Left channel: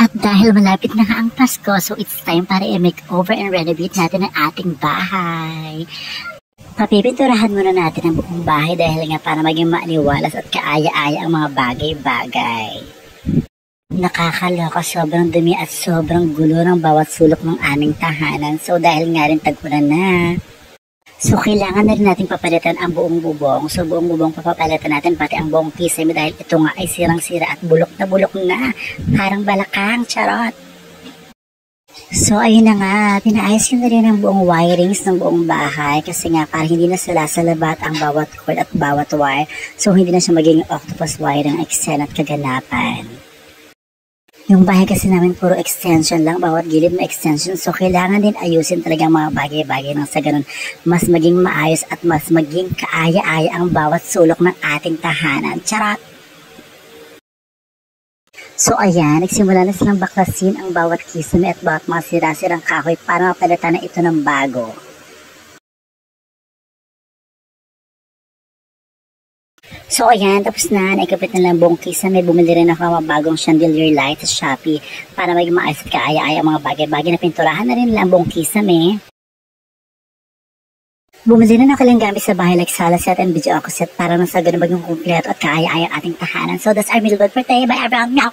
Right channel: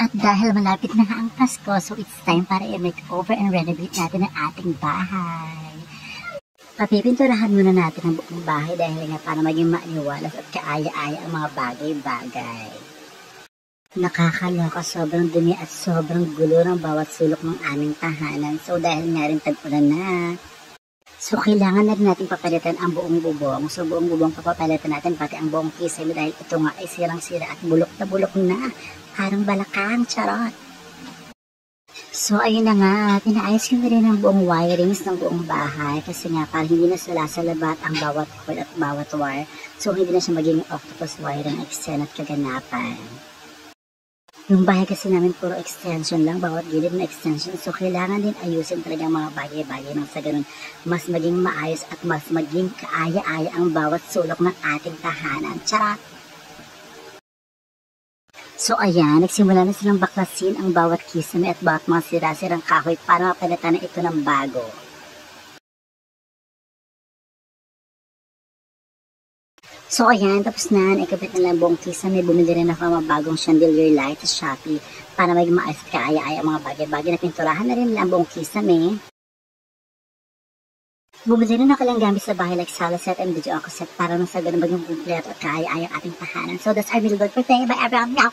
At dahil malapit na nga ang Pasko, so it's time para i-makeover and renovate natin ang ating bahay. Papipinturahan muna natin ang buong bahay dahil nga para maging maaliwalas at kaaya-aya ang mga bagay-bagay. Nakakaloka, sobrang dumi at sobrang gulo ng bawat sulok ng aming tahanan. So dahil nga rin tag-ulan na, so kailangan na rin natin papalitan ang buong bubong. So buong bubong papapalitan natin pati ang buong kisame dahil ito nga ay sirang-sira at bulok na. Parang balakang, charot. So ayun na nga, pinaayos ko na rin ang buong wirings ng buong bahay kasi nga para hindi na salasalabat ang bawat cord at bawat wire. So hindi na siya maging octopus wiring eksena at kaganapan. Yung bahay kasi namin puro extension lang, bawat gilid may extension. So kailangan din ayusin talaga ang mga bagay-bagay nang sa ganun mas maging maayos at mas maging kaaya-aya ang bawat sulok ng ating tahanan. Charot! So ayan, nagsimula na silang baklasin ang bawat kisame at bawat mga sira-sirang kahoy para mapalitan na ito ng bago. So ayan, tapos na, naikapit na lang buong kisame. Bumili rin ako ng mga bagong chandelier light sa Shopee para maging maayos at kaaya-aya ang mga bagay-bagay na pinturahan na rin lang buong kisame. Bumili rin ako lang gamit sa bahay like sala set and video ako set para nasa ganun maging kumpleto at kaaya-aya ang ating tahanan. So that's our middle for today. Bye everyone! Meow!